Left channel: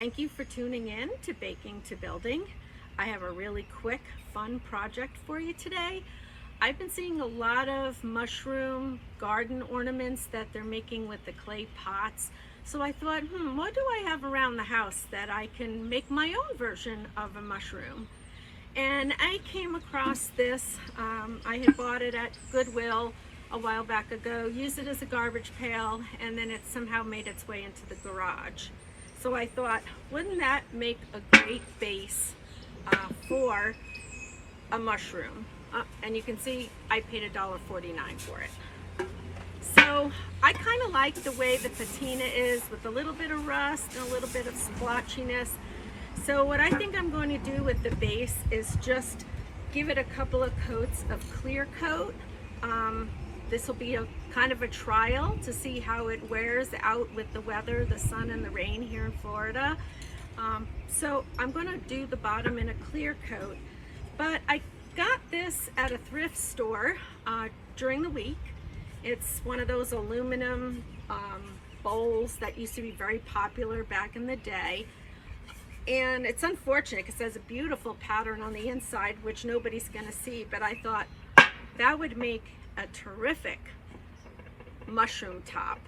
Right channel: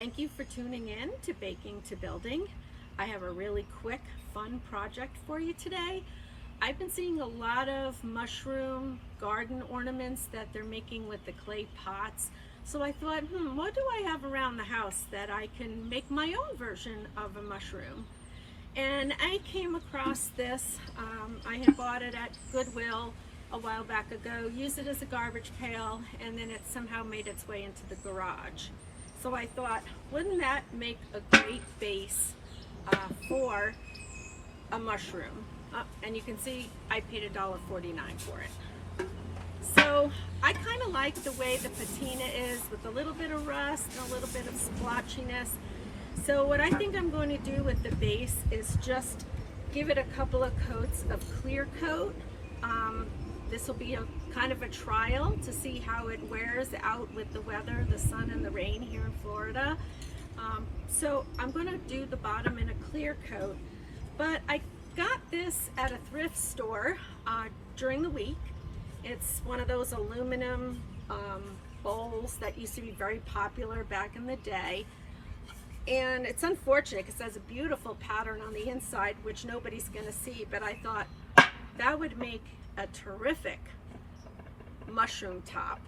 Thank you for tuning in to Baking to Building. I have a really quick, fun project for you today. I've been seeing a lot of mushroom garden ornaments that they're making with the clay pots. So I thought, what do I have around the house that I can make my own version of a mushroom? And I came across this. I had bought it at Goodwill a while back ago, used it as a garbage pail, and then it somehow made its way into the garage. So I thought, wouldn't that make a great base for a mushroom? And you can see I paid $1.49 for it. So I kind of like the way the patina is, with a little bit of rust and a little bit of splotchiness. So what I think I'm going to do with the base is just give it a couple of coats of clear coat. This will be a kind of a trial to see how it wears out with the weather, the sun and the rain here in Florida. So I'm going to do the bottom in a clear coat, but I got this at a thrift store during the week. It's one of those aluminum bowls that used to be very popular back in the day. And it's unfortunate because it has a beautiful pattern on the inside, which nobody's going to see, but I thought that would make a terrific mushroom top.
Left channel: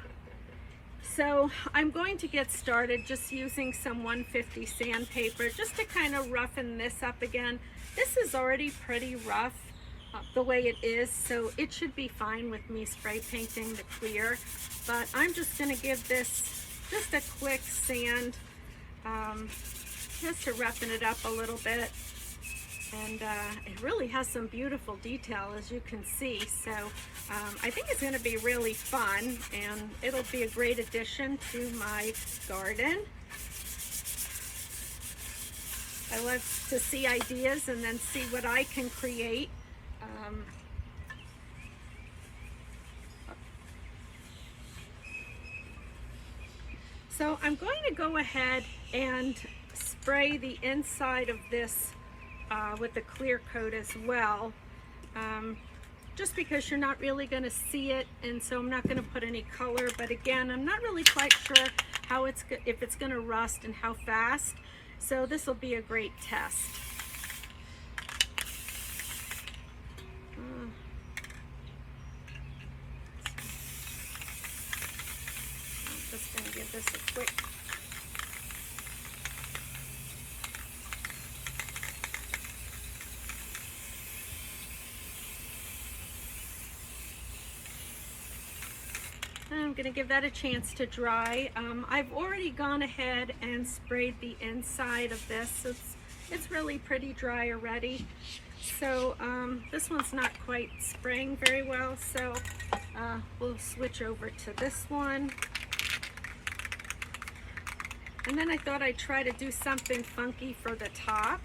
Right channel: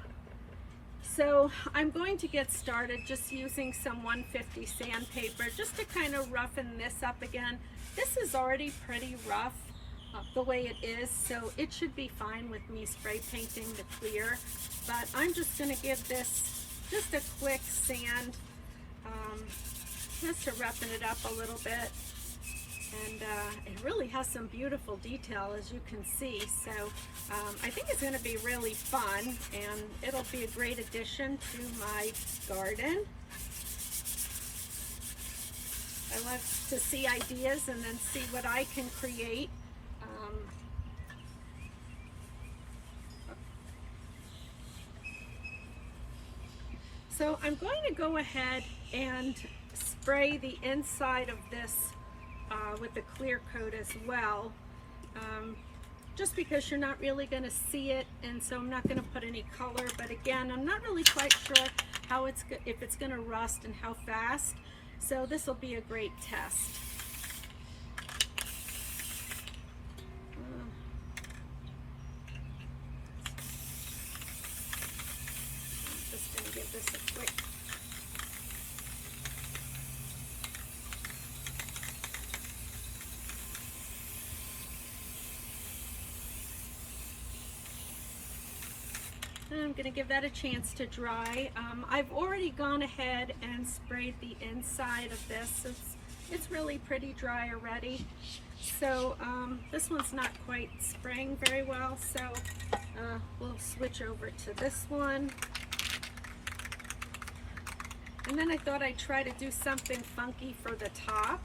So I'm going to get started just using some 150 sandpaper just to kind of roughen this up again. This is already pretty rough the way it is, so it should be fine with me spray painting the clear, but I'm just going to give this just a quick sand just to roughen it up a little bit. And it really has some beautiful detail, as you can see. So I think it's going to be really fun, and it'll be a great addition to my garden. I love to see ideas and then see what I can create. So I'm going to go ahead and spray the inside of this with the clear coat as well, just because you're not really going to see it, and so I'm not going to put any color. But again, I'm not really quite sure how if it's going to rust and how fast, so this will be a great test. I'm just going to give this a quick I'm going to give that a chance to dry. I've already gone ahead and sprayed the inside of this. It's really pretty dry already. So this one's not quite spraying very well, so we'll switch over to this one. And then I thought I'd try to do something funky for the top,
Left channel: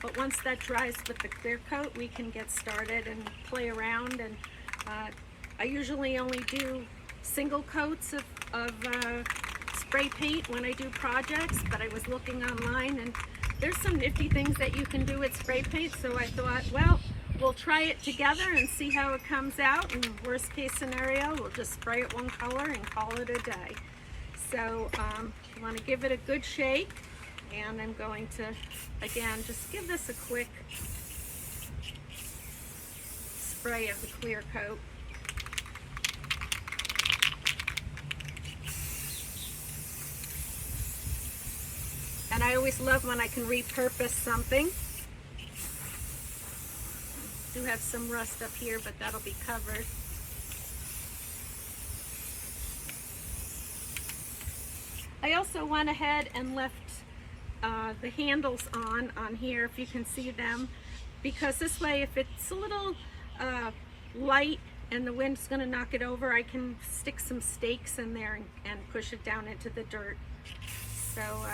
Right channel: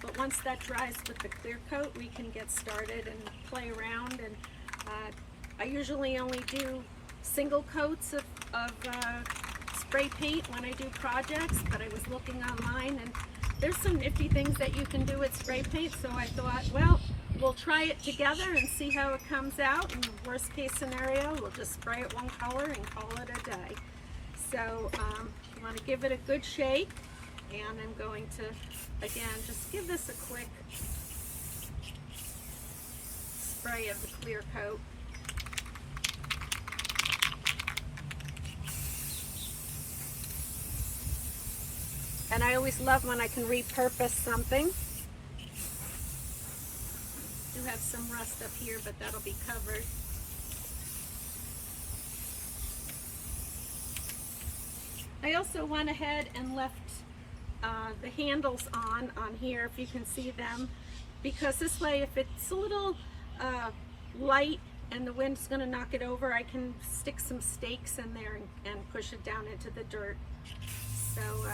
but once that dries with the clear coat, we can get started and play around. And I usually only do single coats of spray paint when I do projects, but I was looking online and there's some nifty things that you can do with spray paint, so I thought, well, we'll try it together and see how it comes out. And worst case scenario, we'll just spray it one color and call it a day. So you want to give it a good shake, and I'm going to again just give this a quick spray of the clear coat. And I always love when I can repurpose something. I do have some rust up here, but that'll be covered. I also went ahead and left the handles on here, if you can see them, because this way, if it's a little light and the wind's going to knock it over, I can stick some stakes in there and push it down into the dirt. So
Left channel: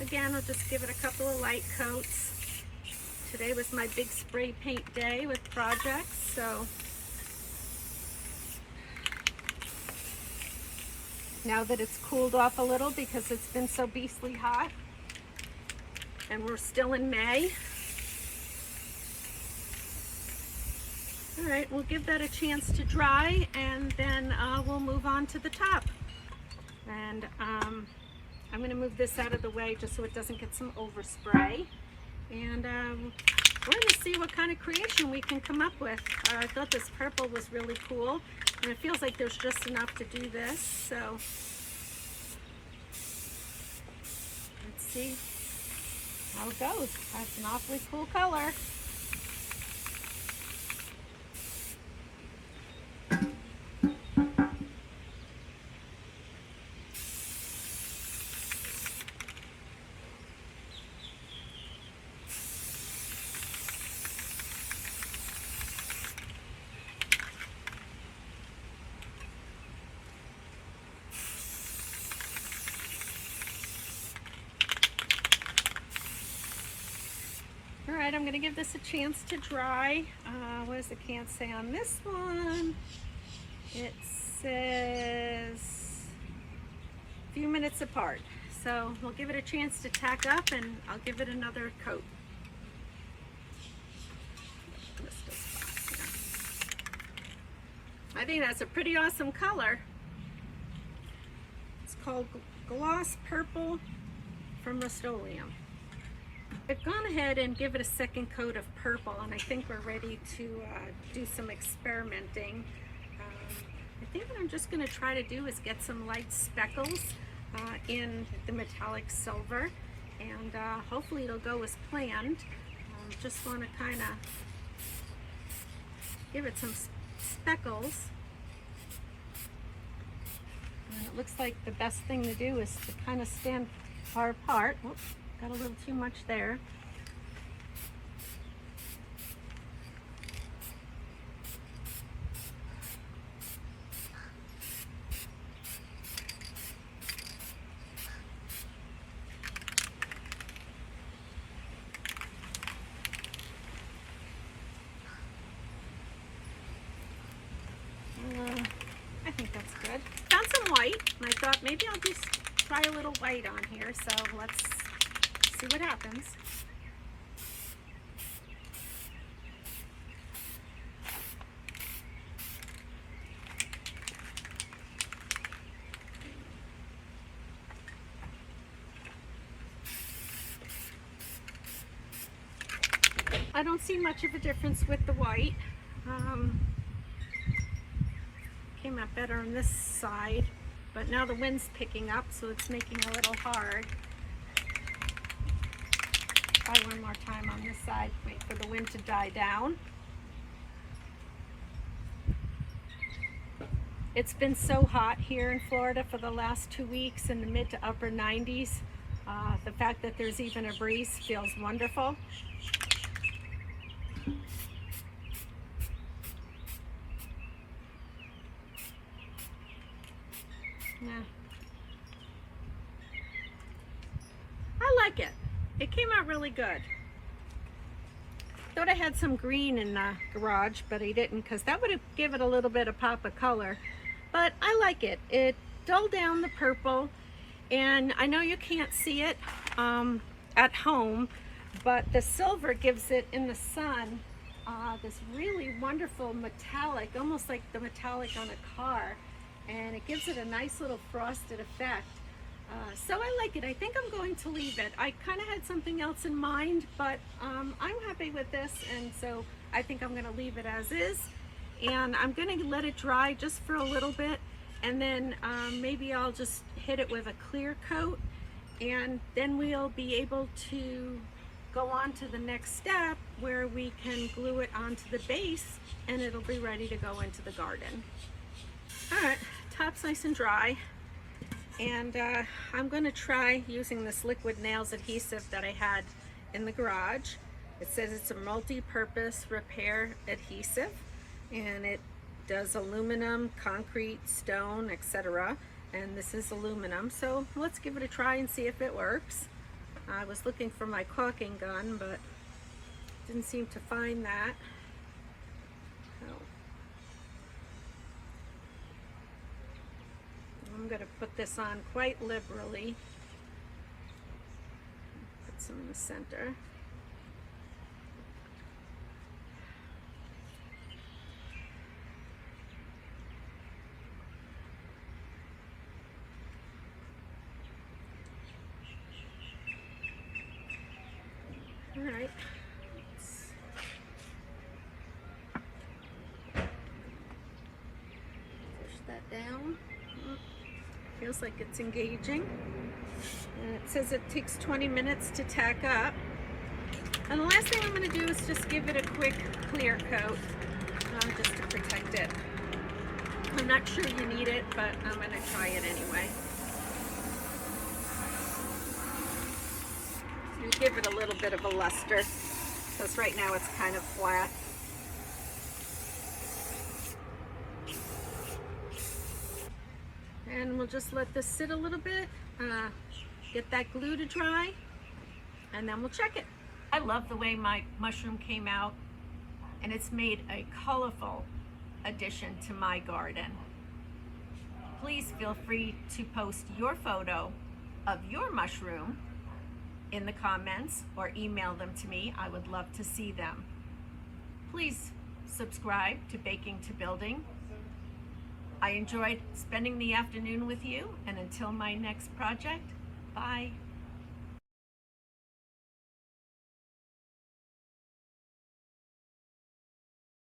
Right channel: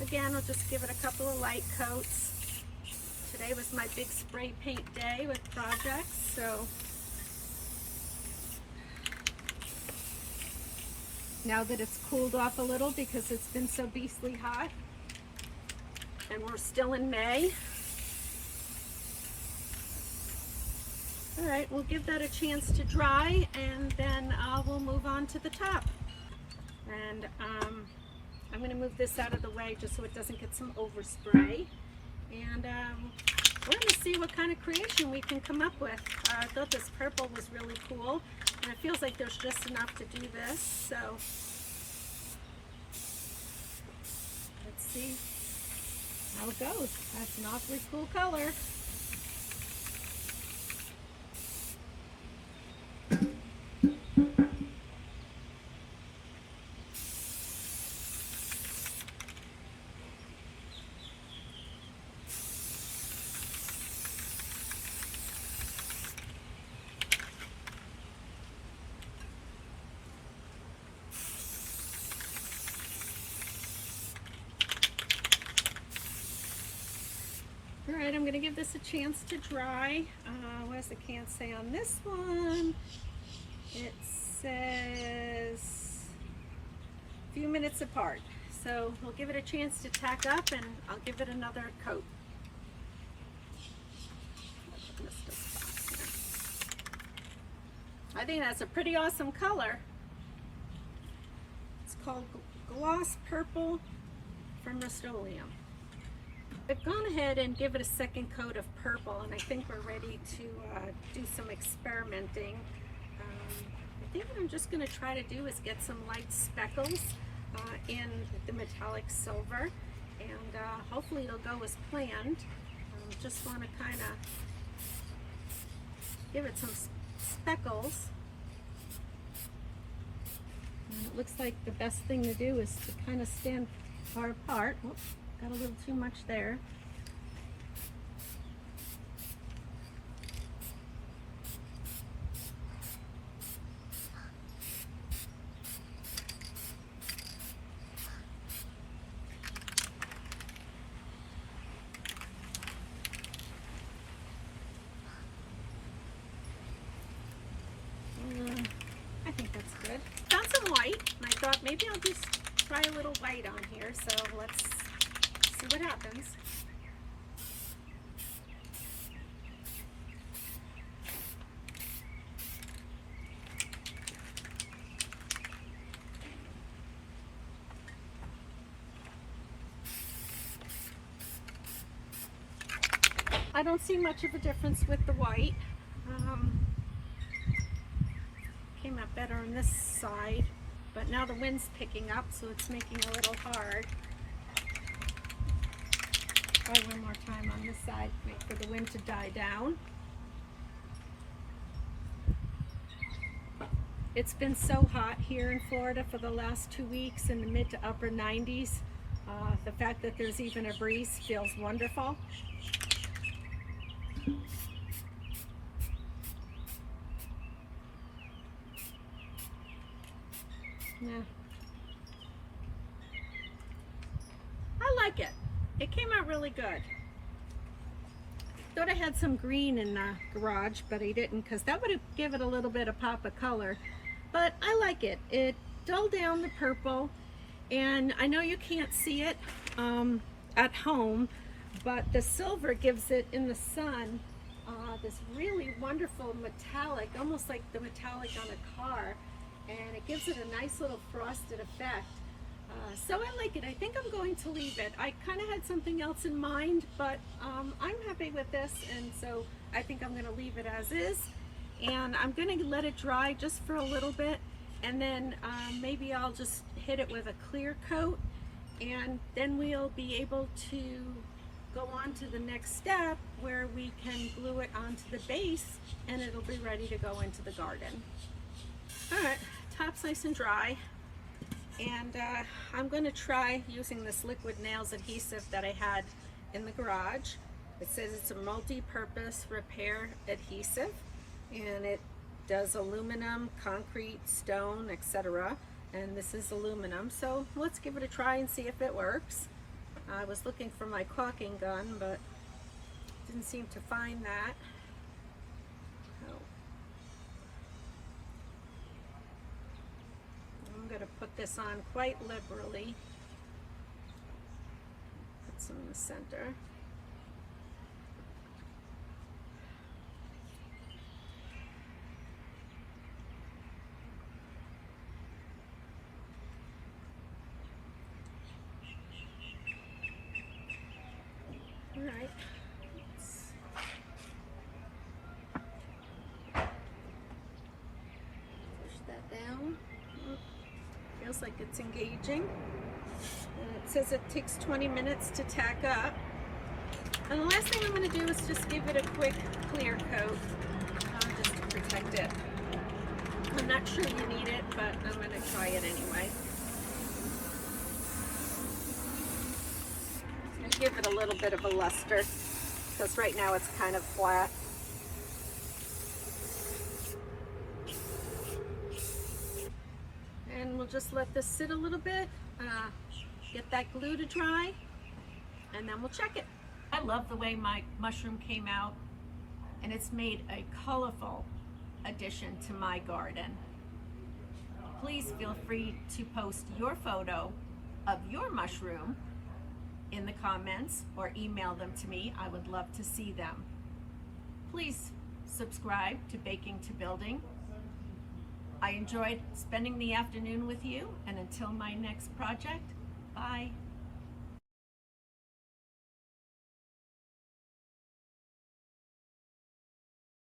again, I'll just give it a couple of light coats. Today was my big spray paint day with projects, so now that it's cooled off a little because it's been so beastly hot, and we're still in May. All right, we'll give that a chance to dry, and then we'll move on to the top. And I'm going to move this out of the way just so it doesn't get some overspray. And we're going to see what kind of creation we can come up with. I thought this purple was really cool, and it feels like there's just enough to do this. So let's see how it goes. That's an awfully cool color. All right, I'm going to give this a chance to dry. What does the can say on this one? It says a few minutes apart. So we'll give it a chance to tack up, and I'll give it another coat. I think that's a pretty awesome color. It's called Gloss Purple from Rust-Oleum. I've gone ahead and give it a second coat of purple, and I think we're ready to do some experimenting. I think what I'm just going to try to do is get some light speckles in the metallic silver, and hopefully it'll go as planned. Just want to kind of give it some speckles. And it looks like the best thing to do is to kind of stand far apart. Oops, got a little too much there. I think that's good. Found some white, and I thought maybe I'll just try a little white on here, so let's see what happens. I don't see much of a difference with the white. Came out better on this side, but now the wind's picking up, so it's making it a little hard. Try one more time on this side, wait for the wind to die down. It's been so hot here in Florida for the last 2 weeks, in the mid to upper 90s. The fact that there's even a breeze feels wonderful. Yeah. I like it. It came out really good. Thought I had some green in the garage, but I didn't, because that would have given it a little bit of pop of color. But I like it. It dulled down the purple, and I know you can't see it at home, but the silver gives it in the sun this really wonderful metallic, almost like the metallic on a car. And it gives it a nice little frosted effect. So I like it. I think I'm going to leave it. I kind of had something else in mind, but I'm happy with this, and so I think I'm going to leave it as is. And I'm going to let it dry just for a little bit, and then maybe I'll just hit it with a clear coat, and then we'll be able to go on to the next step where we can glue it onto the base, and it'll be ready to go into the garden. All right, top's nice and dry, and I'm going to try using this liquid nails adhesive that I had in the garage. It says it's a multi-purpose repair adhesive, and it does aluminum, concrete, stone, etc. And this is aluminum, so let's give it a try and see if it works. I was looking for my caulking gun, but didn't seem to find that. Oh. I'm going to put this on quite liberally. Put some in the center. All right. Push that down. Feels like it's engaging. And it says it takes 20 minutes to tack up. And the last thing I'm going to do is just give it a quick clear coat, just to protect it. I'm not sure you need it, but I'm going to try it anyway. And give it a little bit of a luster, because right now it's kind of flat. And we'll just let this sit a little bit, get that glue to dry, and then we'll check it. I love the way my mushroom came out, and it's made a colorful addition to my garden. Please feel free to post your photo of your mushroom in the comments or email them to me. I would love to see them. Please subscribe to Baking to Building. I enjoyed spending the afternoon with you, and until my next project, bye.